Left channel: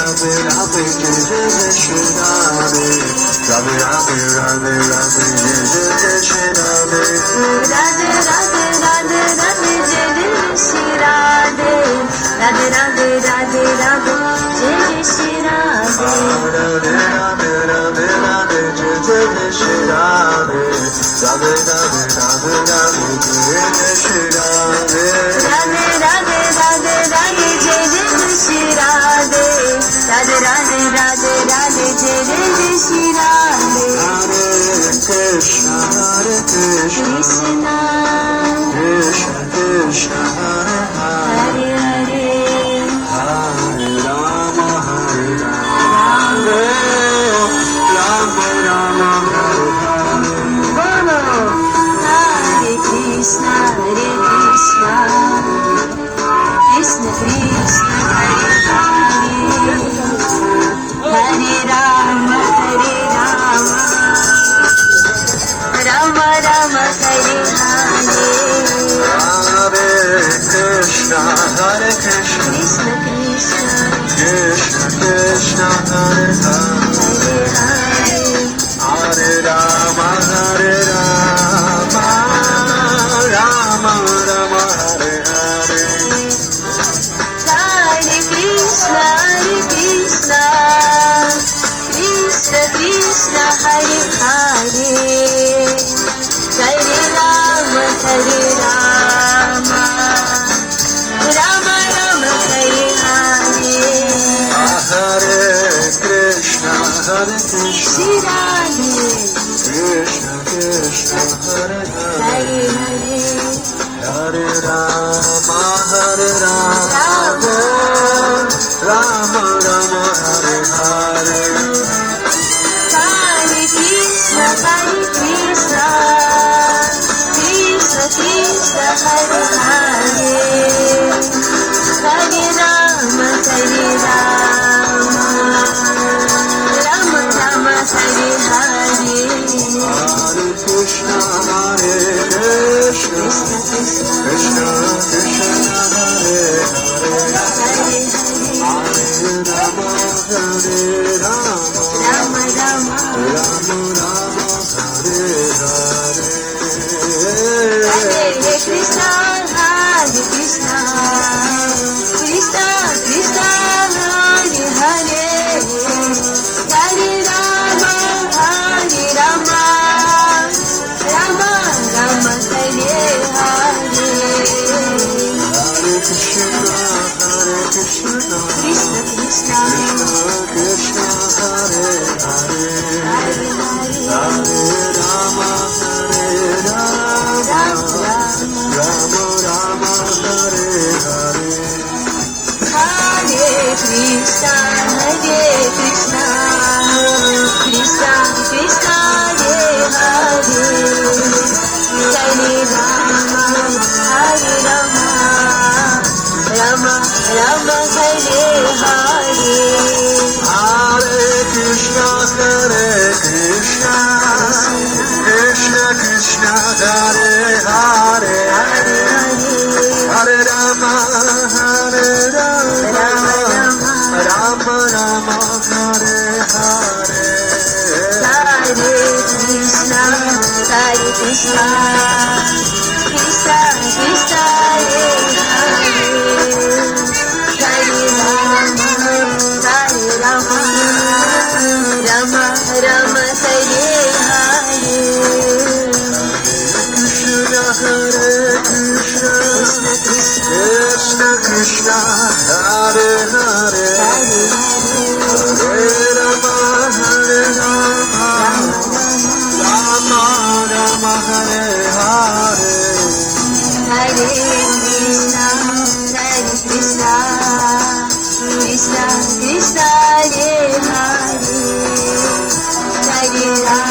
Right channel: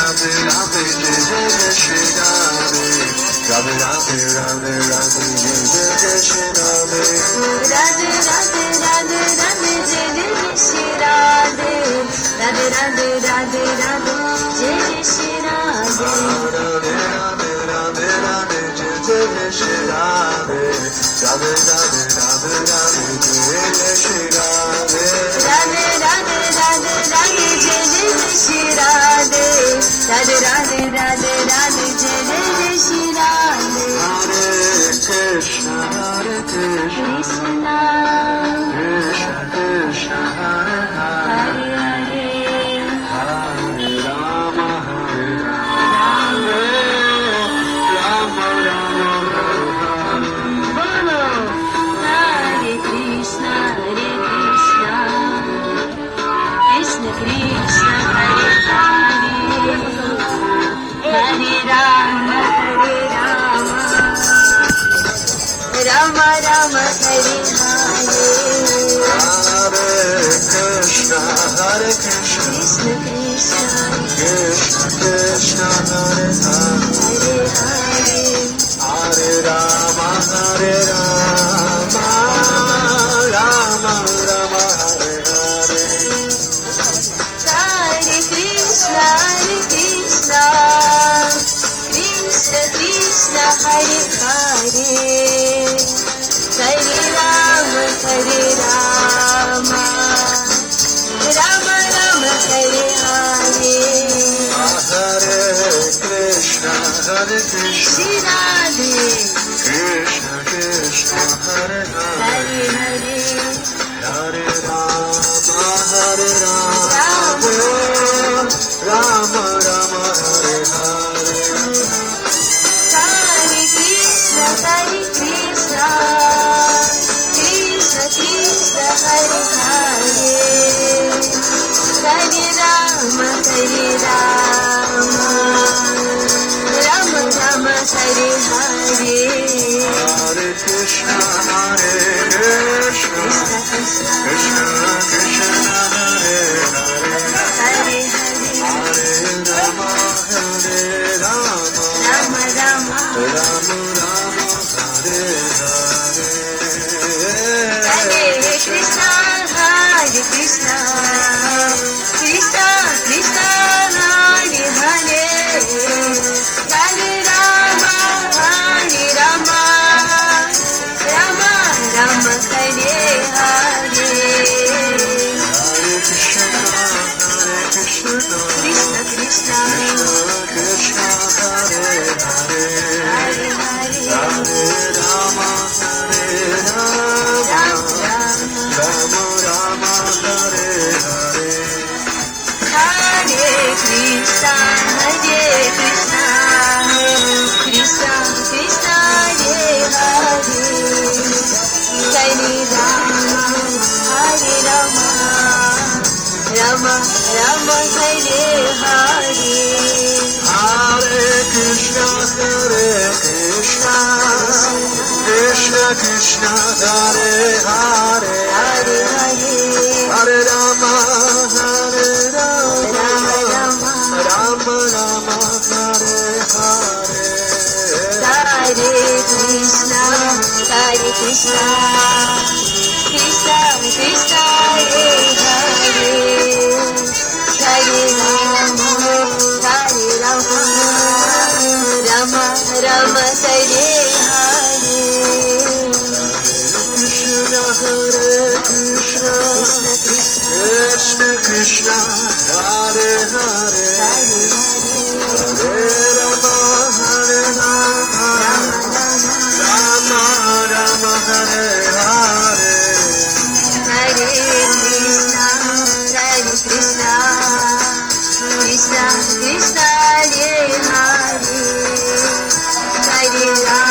Radhe Jai Jai Shri Radhe Radhe Radhe Radhe Radhe Jai Jai Shri Radhe Radhe Radhe Radhe Radhe Jai Jai Shri Radhe Radhe Radhe Radhe Radhe Jai Shri Radhe Radhe Radhe Radhe Radhe Jai Jai Shri Radhe Radhe Radhe Radhe Radhe Jai Jai Shri Radhe Radhe Radhe Radhe Radhe Jai Jai Shri Radhe Radhe Radhe Radhe Radhe Jai Jai Shri Radhe Hare Krishna Hare Krishna Krishna Krishna Krishna Hare Hare Hare Hare Hare Rama Hare Rama Rama Rama Hare Hare Bolo Hare Krishna Krishna Krishna Hare Hare Hare Rama Hare Rama Rama Rama Hare Hare Hare Krishna Hare Krishna Krishna Krishna Krishna Krishna Hare Hare Hare Hare Hare Rama Hare Rama Rama Rama Hare Hare Hare Krishna Krishna Krishna Hare Hare Hare Rama Hare Rama Rama Rama Hare Hare Hare Krishna Hare Krishna Shri Radhe Krishna Krishna Hare Hare Hare Hare Hare Rama Hare Rama Rama Rama Hare Hare Hare Krishna Krishna Krishna Krishna Hare Hare Hare Rama Hare Rama Rama Rama Hare Hare Hare Krishna Hare Krishna Krishna Krishna Hare Hare Hare Hare Rama Hare Rama Rama Rama Rama Rama Hare Hare Hare Krishna Krishna Krishna Krishna Hare Hare Hare Rama Hare Rama Rama Rama Hare Hare Hare Krishna Krishna Krishna Krishna Hare Hare Hare Hare Rama Hare Rama Rama Rama Rama Hare Hare Hare Krishna Krishna Krishna Krishna Hare Hare Hare Rama Hare Rama Rama Rama Hare Hare Hare Krishna Krishna Krishna Krishna Hare Hare Hare Hare Hare Rama Hare Rama Rama Rama Rama Rama Hare Hare Hare Krishna Krishna Krishna Krishna Hare Hare Hare Rama Hare Rama Rama Rama Hare Hare Krishna Hare Krishna Krishna Krishna Hare Hare Hare Hare Rama Hare Rama Rama Rama Hare Hare Hare Krishna Krishna Krishna Krishna Hare Hare Hare Rama